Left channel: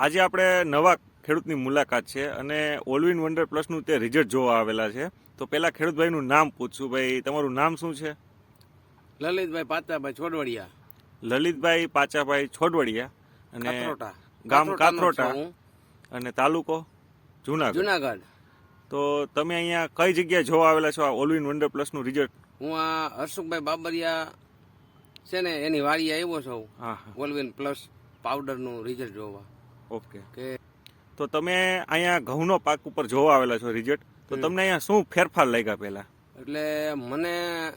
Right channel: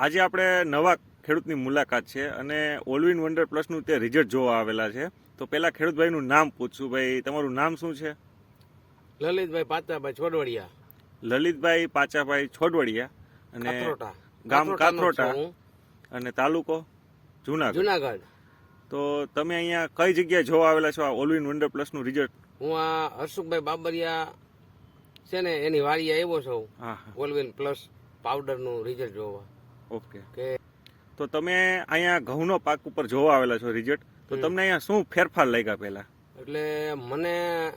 આજે આપણે નવા ખેડૂતની મુલાકાત છે અને ઓલવિન વન્ડર પ્લસનું તે રિઝલ્ટ જોવા આવેલા છે. તો પહેલા ખેડૂતભાઈનું નામ પૂછશું ભાઈ. તમારું નામ શું છે? લલિતભાઈ પાચાભાઈ છોડવડિયા. લલિતભાઈ પાચાભાઈ છોડવડિયા. અને ગામ કાથરોટા અને તાલુકો? જુનાગઢ. જુનાગઢ. તો તમે અહીંયા કઈ જગ્યાએ જોવા આવેલા છો આ ઓલવિન વન્ડર પ્લસનું રિઝલ્ટ હું આ હર્ષુખભાઈ બાબરિયા છે ને એની વાડીએ આવ્યો છું. હા ઓલવિન પ્લસ પાવડરનું રિઝલ્ટ જોવા. ઓકે. કે તો તમે અહીંયા ઘઉંનો પાક ઉપર જોવા આવેલા છો રિઝલ્ટ તો તમને અહીંયા શું ફેરફાર લાગ્યા પહેલા? એટલે મને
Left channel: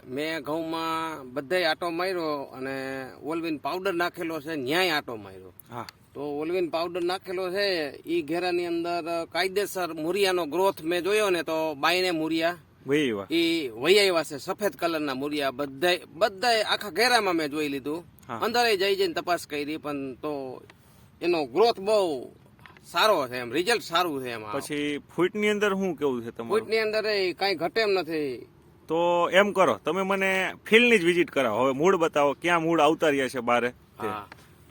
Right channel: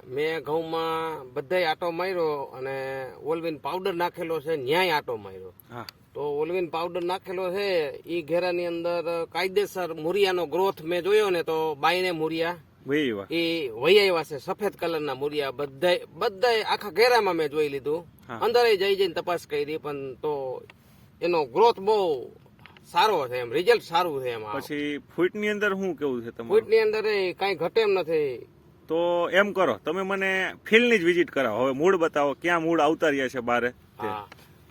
મેં ઘઉંમાં બધાય આટો માર્યો અને ઓલવિન પાવડર નાખેલો છે ન્યાય આટો માર્યો. હા. તો ઓલવિન પાવડર નાખેલો છે એ ઘેરાની અંદર કાયદેસર મુરિયાનો ગ્રોથ મેં જોયો ને તો બાયને મુરિયા એ વહી આવ્યા છે સફેદ કલરના મુરિયા બધા બધા આખા ઘેરામાં મેં જોઈ લીધું. અંદર જઈ જઈને તપાસ કરી પણ તો એનો ગ્રોથ બહુ સારો છે એમ રિઝલ્ટ સારું છે એમાં. પછી ફૂટની અંદર શું કેવું છે તમારું? ફૂટની અંદર કાંઈ ઘટે એમ નથી. તો એમ કરો તમે મને ફિલ્ડની જ વિઝિટ કરાવો. હવે મૂળ બતાવો ક્યાં મૂળ આવતા રહ્યા છે બારે.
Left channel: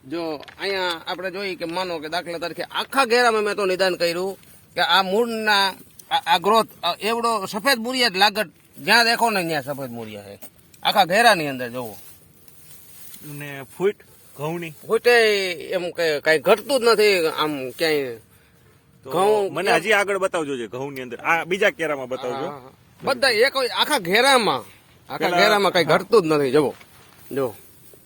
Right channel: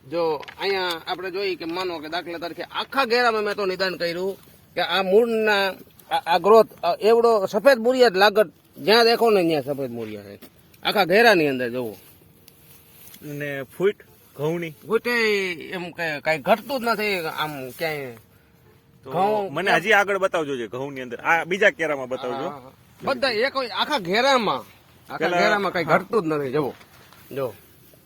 જો અહીંયા આપણે જોઈએ કે માનો કે દાખલા તરીકે આખા ઘેરામાં મેં તો નિદાન કર્યું કે આ મૂળના આ- આ ગ્રોથ એવડો સફેદ મૂળિયા જ લાગત. જ્યાં દેખો ને ત્યાં સફેદ મૂળિયા છે. આખા ઘેરાની અંદર જોવો અને ફૂટ? ઘઉંની? ફૂટે એમ કે કઈ ઘટતું જ નથી આમ ક્યાંય તો ઘઉં મને હજી આગળ બતાવજો છે ઘઉંની અંદર. આ બીજા કેરામાં બતાવજો. બધા એક આખા ઘેરામાં. આખા ઘેરામાં કઈ ઘટતું જ નથી જોવો જો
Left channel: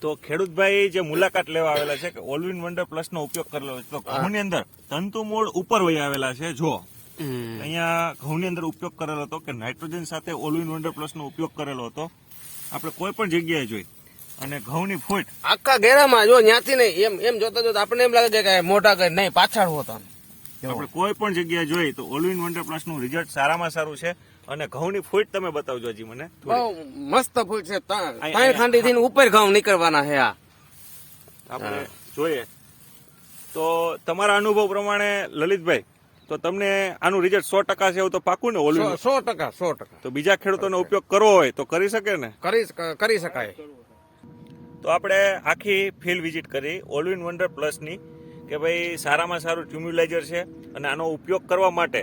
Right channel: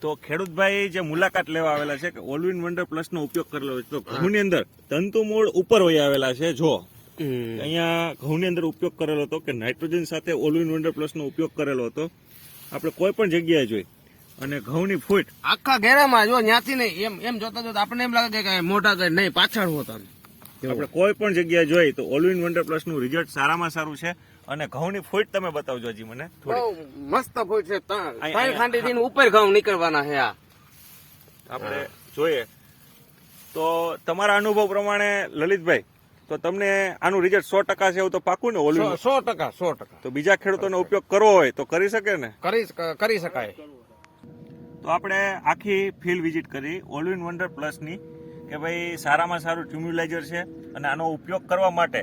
તો ખેડૂતભાઈ જે મુલાકાત લેવા આવેલા છે કે ઓલવિન વન્ડર પ્લસ નો ઉપયોગ કરેલો છે તો ઘઉં ની અંદર તંતુ મૂળ ઉપર વહી આવેલા છે જો અહીંયા ઘઉંની અંદર ઉપયોગ કરેલો હતો કે નાઇટ્રોજન સાથે ઓલવિન વન્ડર પ્લસ નો ઉપયોગ કરેલો હતો. આપણે કોઈ પણ જગ્યાએ જોઈ. અને ઘઉંની ફૂટ. આખા ઘેરામાં જો ન્યાથી નહીં એમ એમ જોતા જોતા આપણને એમ લાગે કે મોટા કે નહીં પાછળ હોતા આપણે કોઈ પણ જગ્યાએ જોઈ તો ઓલવિન વન્ડર પ્લસનું રિઝલ્ટ સારામાં સારું છે. અને ઘઉંની ફૂટ તમે બતાવજો હજી મને થોડી. મસ્ત ફૂટ છે ત્રણ ઠંડી થી ઉપર ઘઉં નીકળવાના છે આ. આપણે જોઈએ. તો તમારા અનુભવ પ્રમાણે લલિતભાઈ તો તમને આનું રિઝલ્ટ સો ટકા છે એવું તો પાકું ને ઓલું સો- ટકા સો ટકા. તો બીજા ખેડૂતોનો ઉપયોગ કરવો હોય તો કરી શકે ને? કરી શકાય. તો આપણે આખી ફિલ્ડ વિઝિટ કરી ઓલવિન વન્ડર પ્લસની કે ભાઈ સારામાં સારું ટ્યુમ્યુલાઇઝર છે અને આનો ઉપયોગ કરવા માટે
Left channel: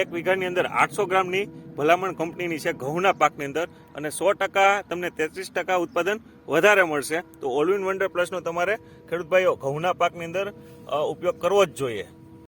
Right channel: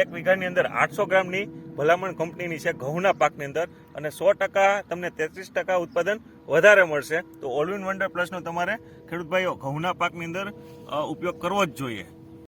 એક વીઘાની અંદર આઠસો ગ્રામની ભલામણ કંપનીની છે ઘઉંના પાકની અંદર અને સો ટકા તમને તેત્રીસ ટકા ઉત્પાદન વધારે મળશે. તો ઓલવિન વન્ડર પ્લસનો તમારે ખેડૂત ભાઈઓ ઘઉંના પાકની અંદર ઉપયોગ કરવો જ જોઈએ.